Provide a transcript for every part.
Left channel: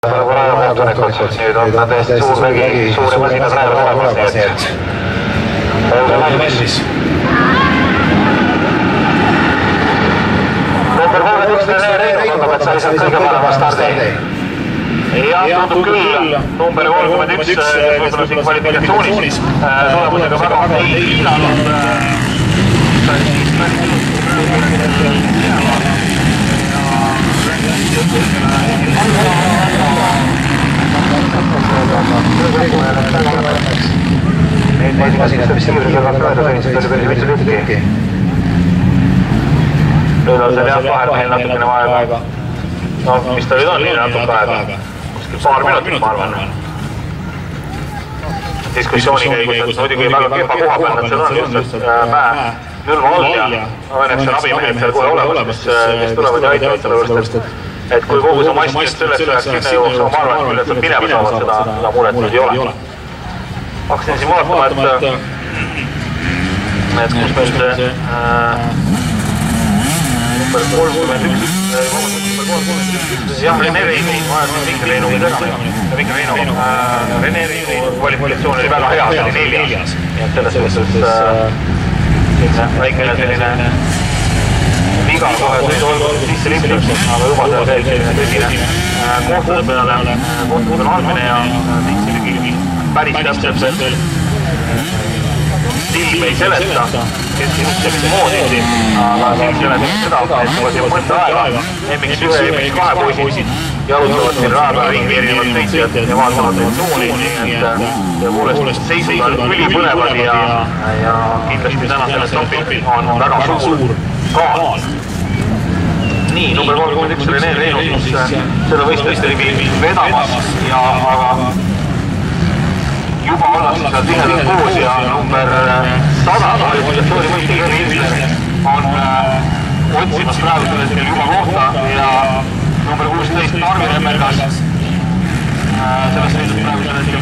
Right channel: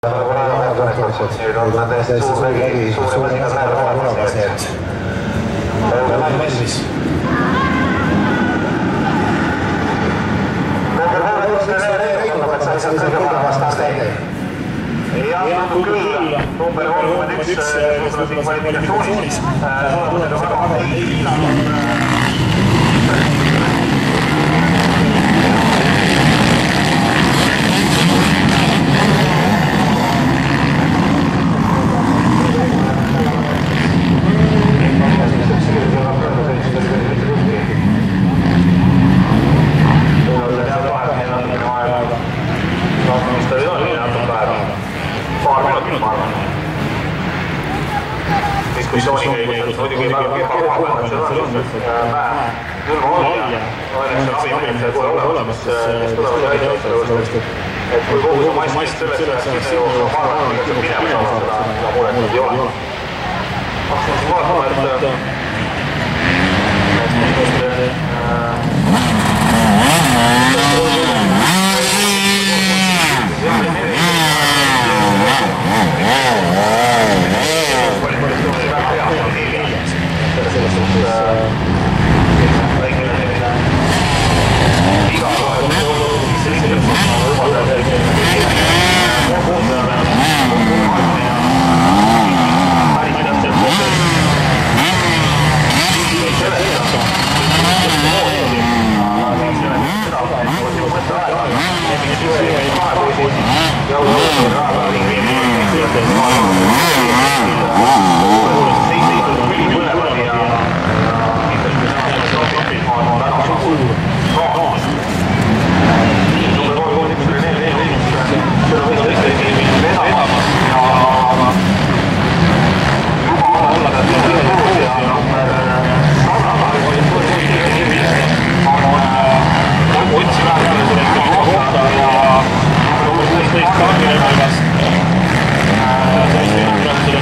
Nüüd on ta täiesti suur vägi, suuri masinad lähevad olemas, nii et olge valmis. Number 31 Reinu tundub, et sa lihtsalt kõige parema stardi. Ja tundub küll, number 31 võib-olla siin kvalifikatsioonis tulemusega väga ei hinnanud. Masinad, mis selle üle kaasa sõnnisid, oli päris mitu tükki. Nüüd on see jah vahepeal natukene vaeva. No, mis ta nüüd on, nii natuke aega. Paar minutit, ma arvan. Diskussiooni käigus, muidugi väga kehva koha peal, et seal on just mäe külma all ja õnneks on abimehed seal kohe olemas, kes tulevad ja aitavad selle võrst, et kui kogu see maskist sellest ühest kinni jõuaks, ma arvan, et kuidas nad minema saavad, seda muret nüüd ei ole. Hakkasin siin vaatama, et jah, Rene Veini kvalifikatsioon oli väga hea, see oli neljas. Selles mõttes väikene selline viga kohe sisse liikunud, aga juba ta selline tõsine kohtude armine ja päris täpselt silm ei seleta, et moodi, aga silm seleta seda, et mul siin mõtte aega, emmeks ühe ja kahe poisid jalutavad siin raha ringveerivad teised ja vaatavad tõepoolest seisud on ülipõlevad ja kindlasti täna selles topil on väga suur kaas. Nii, number 31 Rene Veinu, seda võistlust tegi vedamas ja juba olla seda tihedas koos ja number 100 on otsinud praegu selle juba kohta ja number 16 Marvel Mergas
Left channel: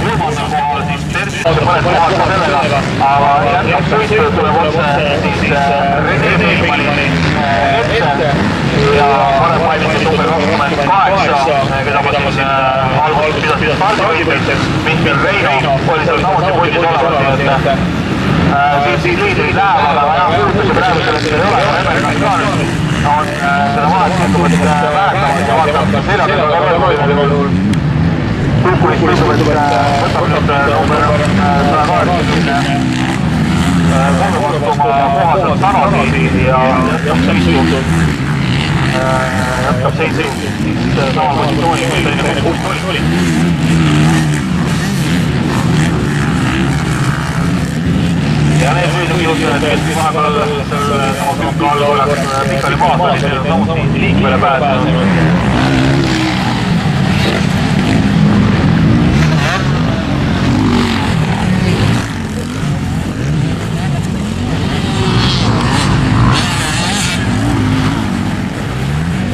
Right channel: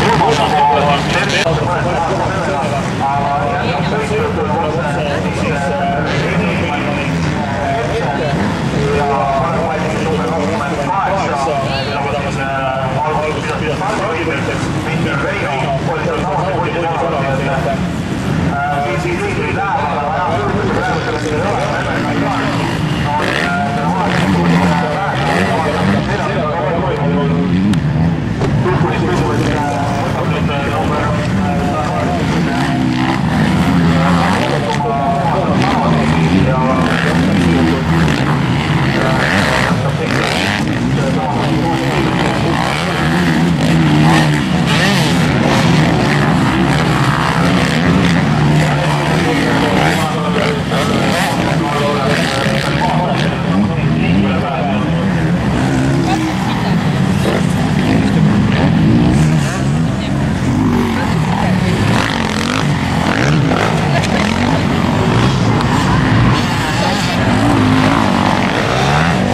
kolmanda poole siis tervise mõned kohad sellega, aga jätkaks võistlus tuleb otse siis Rene Veimani ette ja parem valmis number 28, keda ma siin alguses pidasin stardivõitjaks, Mihkel Reino oli seal samuti puldis olemas, et siin liidrid läheb, aga enam kuulutuse praegu sellest ei ole, Emmerikas ka nüüd on seda vahetuslikumist vähekast ja vaatab seljaga Kukuris tundub, et võtab nüüd number 180 oma kohaselt tagasi ja jätkab seisust sama positsiooni ja need võidud liikmele pääsenud.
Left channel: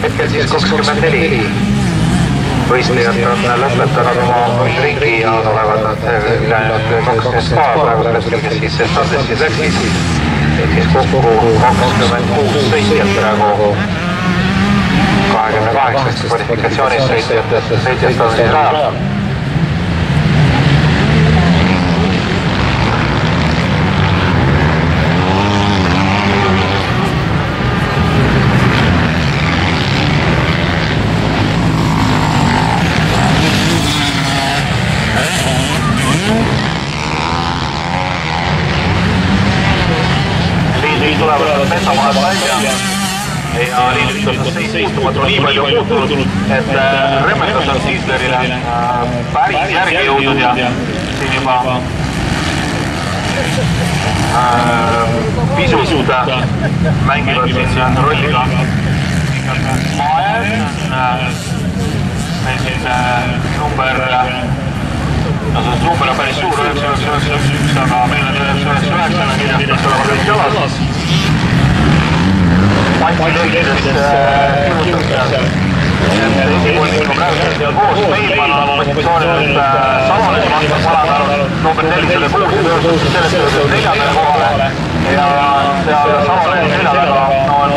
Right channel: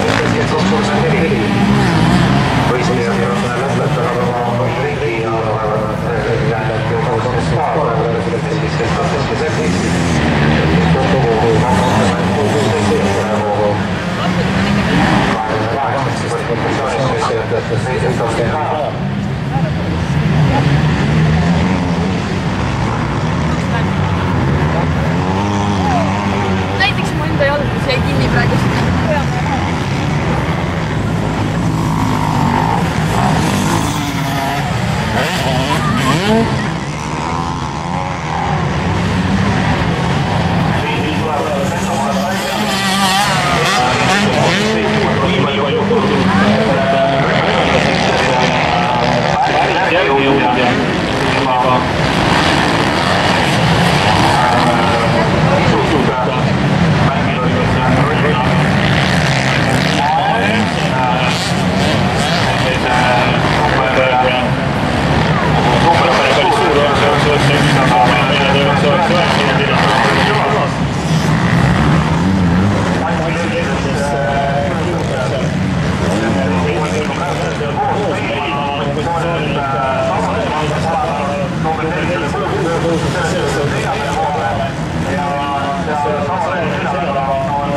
Hetkel 24 võistlejad on lõpetanud oma ringi ja olevad nad ülejäänud 22 praegu siis Sestasessis läksis, mis kokku 26 sõitjad praegu 28 kvalifikatsioonis sõitjad on siis rajal. Et Remmekas on Sislerile päris järgi jõudnud ja siin juba pisut mängivad siin rolliga näiteks number on päris suur, aga meil on 99 kindlasti päris jõlas. Mati Leegides Meilman on positsioonil Salonen vastas alamäärul number 406 sellest neljandale kohale ja Salonen selja taga on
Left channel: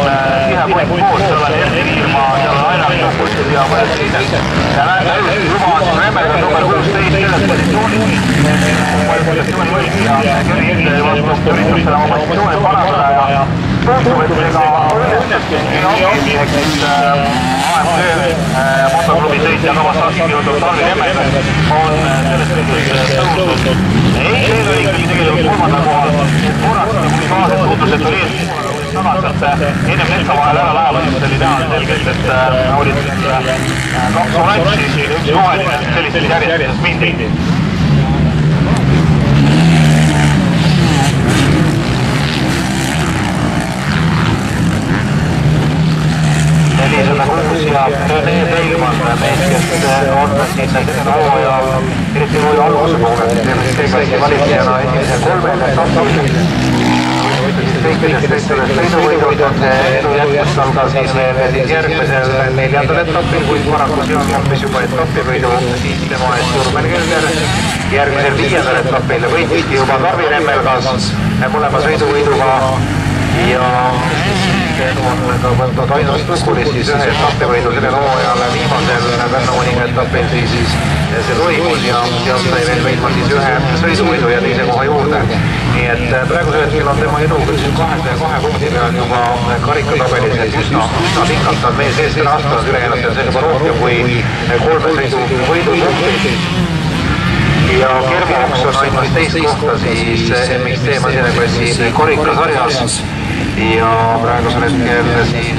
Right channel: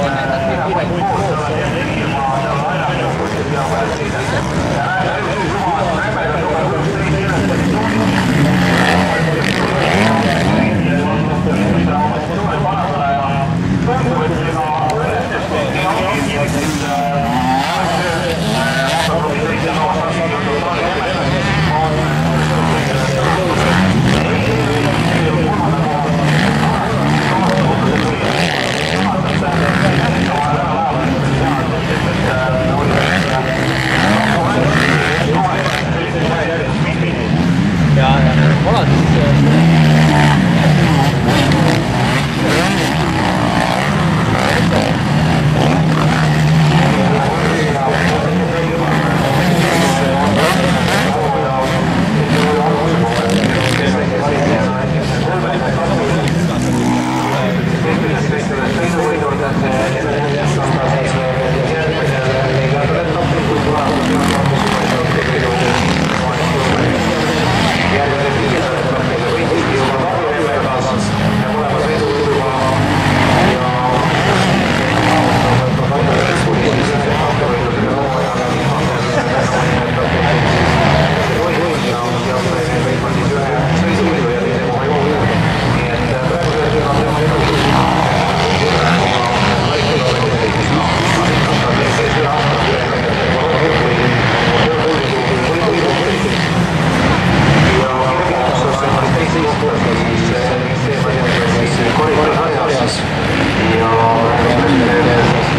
tihe poeg koos, seal on Erki Ilma, seal on Aina lõpus ja mõned teised. Ja näeme juba Remmerga number 16 selles positsioonis. Üritustel oma positsioone parandada ja tundub, et ega õnnestuski motoklubi sõitja Novas Saski jõudnud Taali Remmerga on ei õigem tegelikult kolmanda kohal. Kunas tuutus, et oli enne hetka vahel ära lähevad, oli teha selgelt, et oli konkurentsi roheline sellistes järjestes miitingid. Sõiduvõidult on see edu jätkestab ka siis järgmisel 4. etapil, kuid paraku Jan Kampis juba etapivõidu tema eest Turmergel. Järgmisel 5. etapil võitski juba Tarvi Remmergas mõlema sõiduvõiduga ja ainult lõpulis siis ühe etapivõidu sellel hooajal viimasel Pärnu etapil siis see toimus ja sealt sai veel võitma siis ühe sõiduvõidu ja teise koha juurde. Nii et praegusel hetkel on tema edu 22 punktiga juba karikatabelis, siis nad ikka meil selle aastal ülejäänud on sellega rohkem kui 3 sõidu võiduid. Ja Kermiaks on ainult teist kohta siis MXT Masinaklassi karikasarjas ja praegusel hetkel siis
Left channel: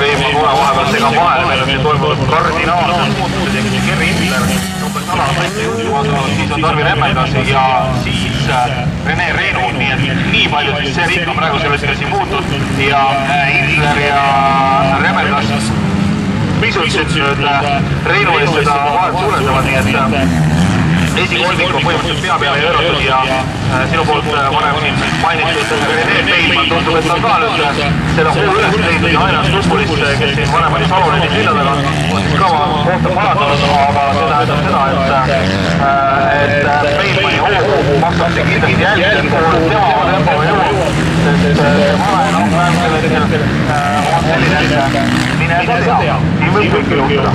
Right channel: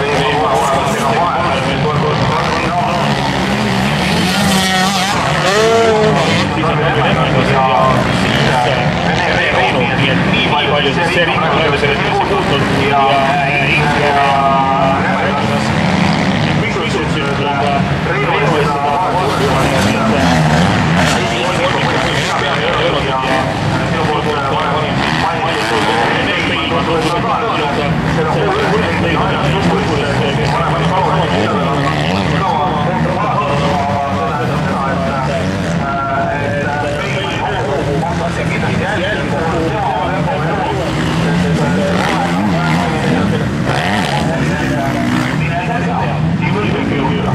Reimi kohe vahepealtega maailmale meil toimub kardinaalselt Tarvi Remmergas ja siis Rene Reinu, nii palju see riik on praegusel hetkel siin muutunud ja Ingler ja Remmergas pisut nüüd Reinu eest seda vahet suurendavad, nii et esikolmik on põhimõtteliselt pea peale jõudnud ja sinu poolt varem mainitud Reimman tundub, et on ka nüüd seda hoo üles leidnud ja ainult lõpulist, kes varem oli Saloneni sildadega kõva kohta parandanud, aga see tähendab seda, et Reimani hoo makstakse kindlasti jälgida, kuhu tema tempo jõuab, sest mine ega tea, siin võib kõike juhtuda.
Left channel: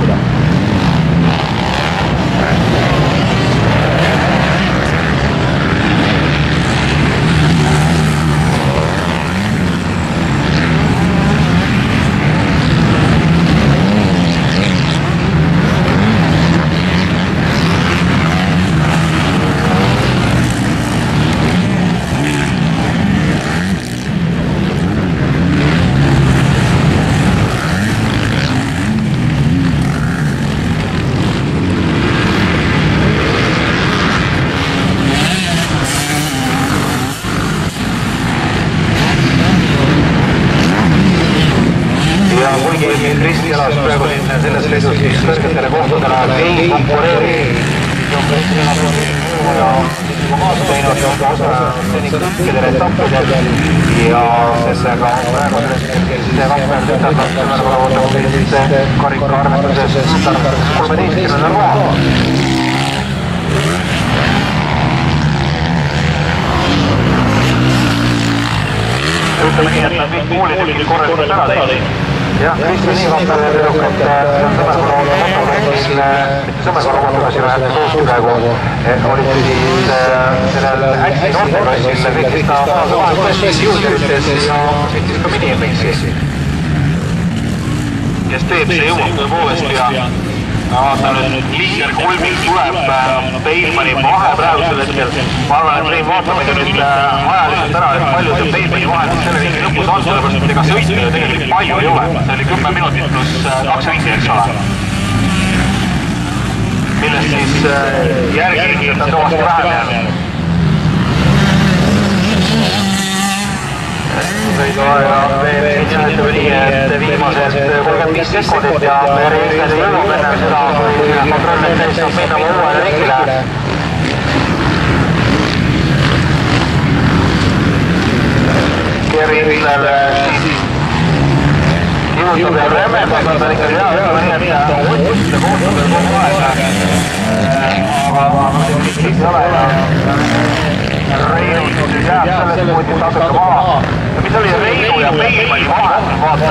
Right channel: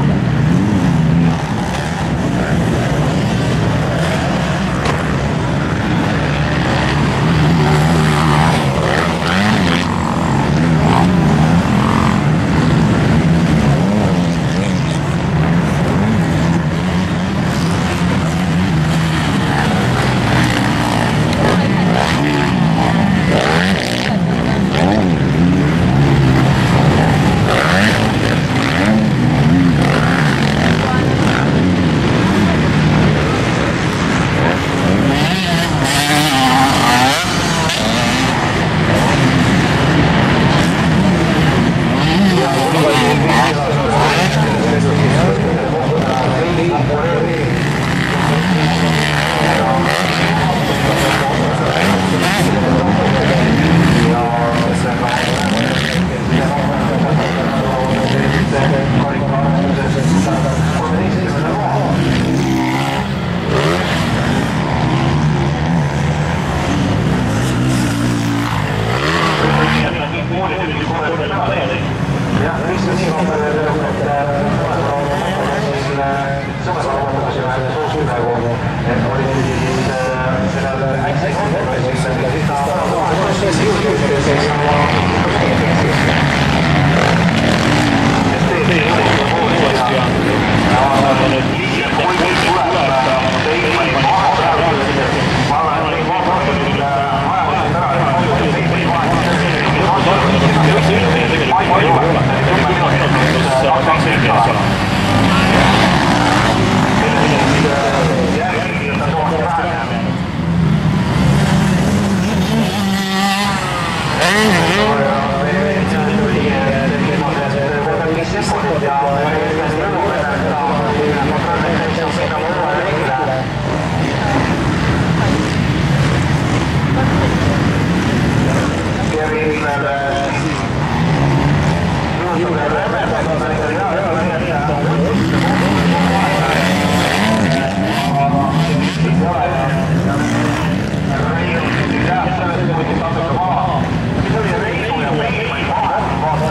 Reinu ja Peilmani vahel, vaata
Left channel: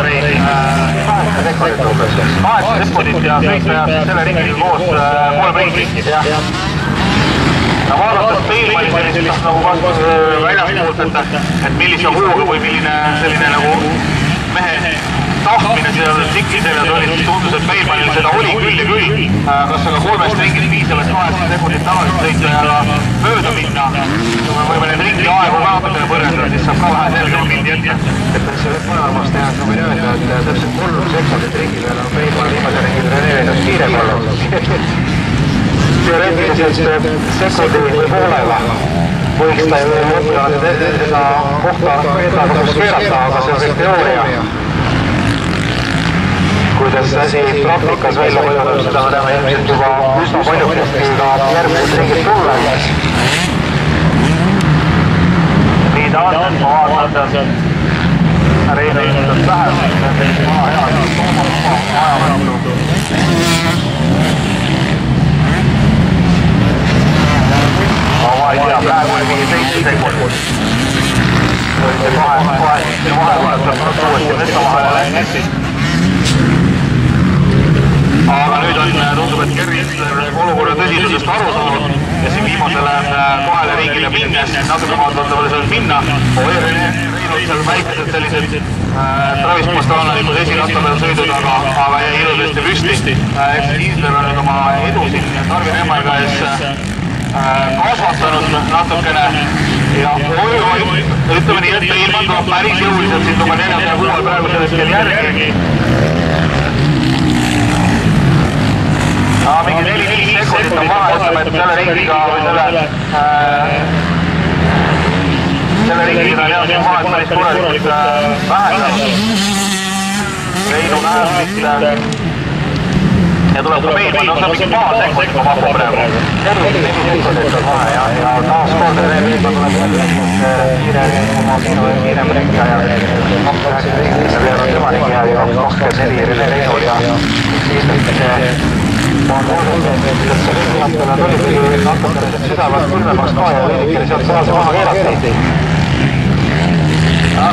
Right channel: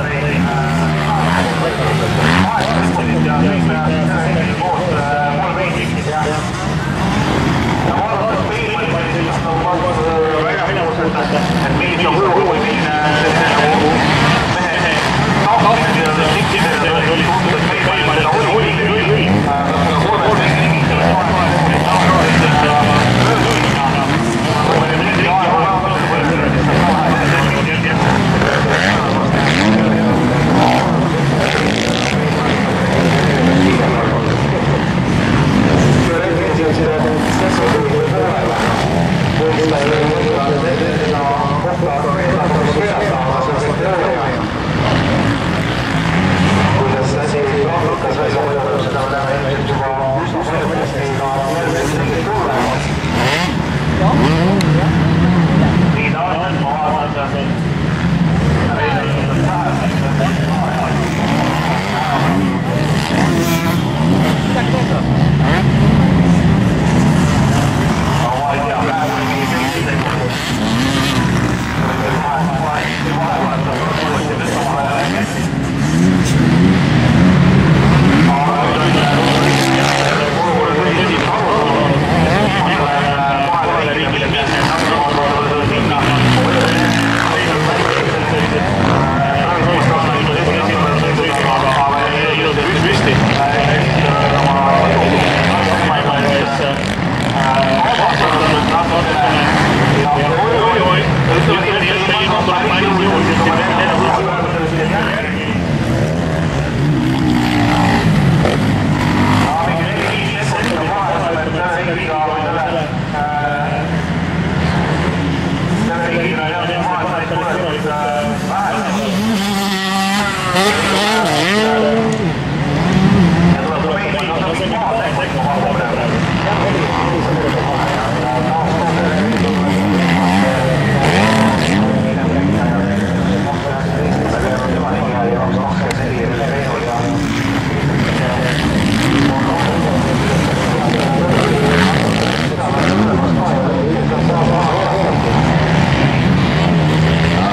8 ja kõik tehakse selle ringiga koos 3 ringi. Ja vaadates Peilmani sellist nagu väljaspoolselt, et millise hooga või milline selline nagu mehe tahtmine seda tikkidele oli, tundus, et Peilmanil seda oli küll ja küll. Kas aga 3 ringis viisavalt 8 sekundit tagasi sõita mööda minna. Kui me need ringi aegu vaadates võrrelda, siis saab ka vähe selle ringi jälgida. Et see mõlemast tehas on öelda, et see on 3 ringiga Peilmani viimase ringiga neevenud kiirem olnud. Teoreetiliselt sekundi või poolega võiks ta ju mõtta seda kohta eesmärkust keerata, aga see on see teooria. Kuidas asi praktikas välja mõjutab, seda me näeme ilmselt juba üsna paljukesti ka järgmised ringid tulla. Nii ta on, ma vaatan, Reine ilmselt läheb, ma ei tea, praegu oli mingi 7 sekundit. Vahevahetab uuesti võtta vahele läinud. Aga nüüd on tundub, et Kervin olukorra tõsiselt aru saanud ja see viimasele kahele riigile minnes natuke vaatavale sellest minna. Seal väikesed sellised travismustaalalikud esinatele sõidud, aga jäi ilusasti püsti. Kiisler oli oma edu targemaiga ees kasvatanud natukene ja oi, ütleme nii, et Peilman tuleb päris jõuliselt siin oma 4. kuuel praegu sellest kell järgi. Mingi 4-5 sekundit on maha, ütleme, et selle ringiga või selle ringiga on maha, et päris korralikult vähendab. Ja tuleb ka Peilman, no see on mingi paar sekundit ma pakun praegu. Ja taas kord Reiniga tuleb kiirem ringi ajal. 2.19 veerand tema ringi ajal ja 2.24 Reinol ja südavalt tunnevaks ka ja lõikil sealt saas maha veerastati.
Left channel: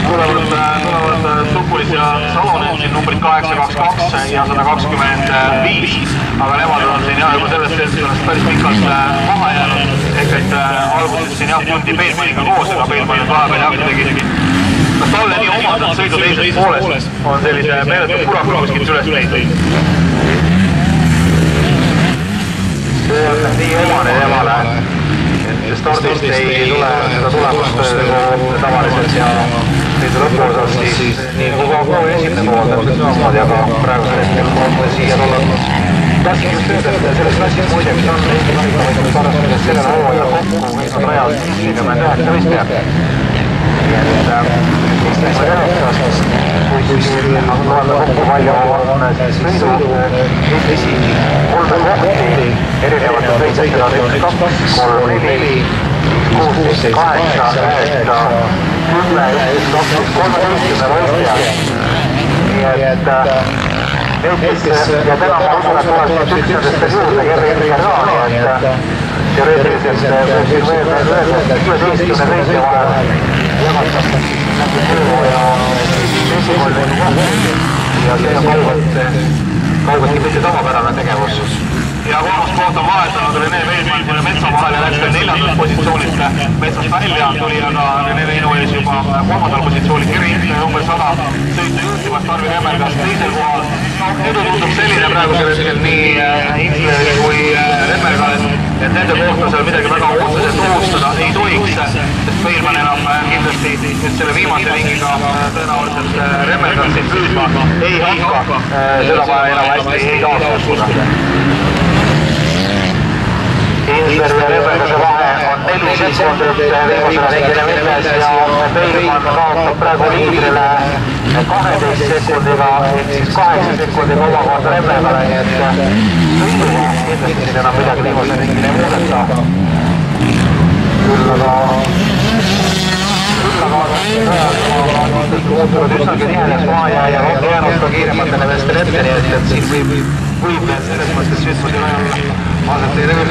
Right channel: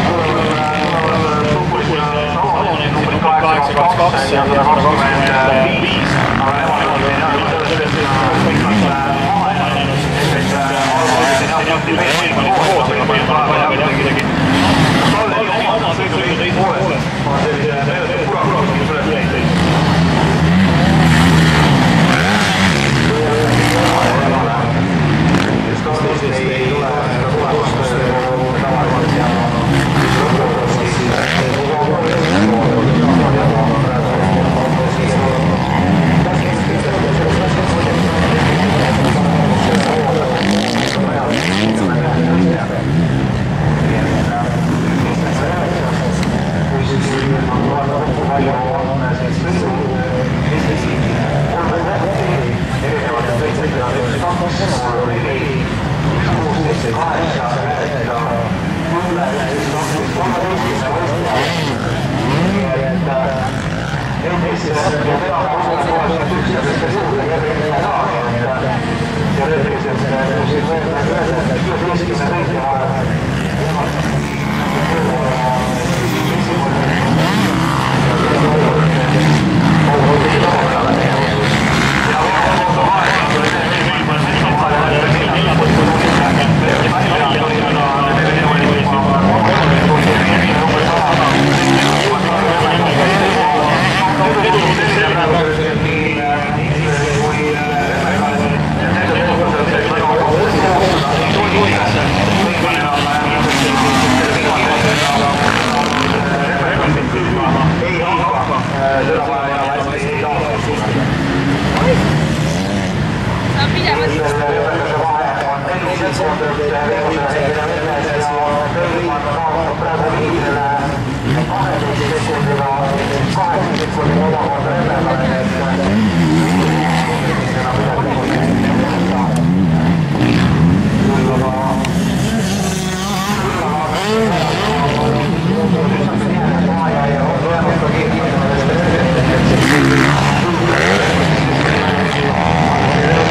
Tulevad Supulis ja Salonensi numbrid 822 ja 125, aga nemad on siin jah juba sellest päris pikalt maha jäänud. Ehk et alguses siin jah tundi Peilmaniga koos, aga Peilmani vahepeal jah kuidagi kas talle nii omad sõidu teises pooles on sellise meeletu puraku kuskilt üles leidnud. Nii emale, stardist ei tule seda tulemust tavaliselt ja lõpuosas siis nii kui ka esimene pool, ja ka praegu siia tulnud. Tahtsin just öelda, et sellest läksid muidugi selle hooaja kokku, mis on rajal 49 võistjad. Kui loeme kokku palju on sõidu Eestisi 3 kohti erinevatel võistlustel on 1, 2, 3, 4, 16, 8, 9, 10, 11, 13 võistja. Nii et Eestis ja täna ma usun, et tuleb üks nendest juurde Kervin ka, nii et teoreetiliselt võib siin veel öelda, et 11 võistja vahel jäävad ja see on kaugelt kõige tavapärane tegevus. Ja kohta vahetada tuli Venemaa Metsa vahel ja läks 4. positsioonist Metsast välja, tuli aga Venemaa juba 3. positsioonist Kervin number 100 sõita juhtuvat Tarvi Remmergast teise kohal. Nüüd tundub selline praegu hetkel nii Ingleri kui Remmergast, et nende kooslusel midagi väga otseselt koostada ei tohiks, sest Peilman enam kindlasti selle viimase ringiga tõenäoliselt Remmergastit püüdma ei hakka, seda vaja enam hästi ei taastuskuda. Ingleri ja Remmergase vahe on 4 sekundit viimasele ringile minnes ja Peilman kaotab praegu liidrile 12 sekundiga, siis 8 sekundiga omakorda Remmergale, nii et kindlasti enam midagi viimase ringile muudeta. Küll aga üsnagi nihenes maha ja on jäänud ka kiirematele vestel ette, nii et siis võib selles mõttes üsnagi vähem vaadata ei teha.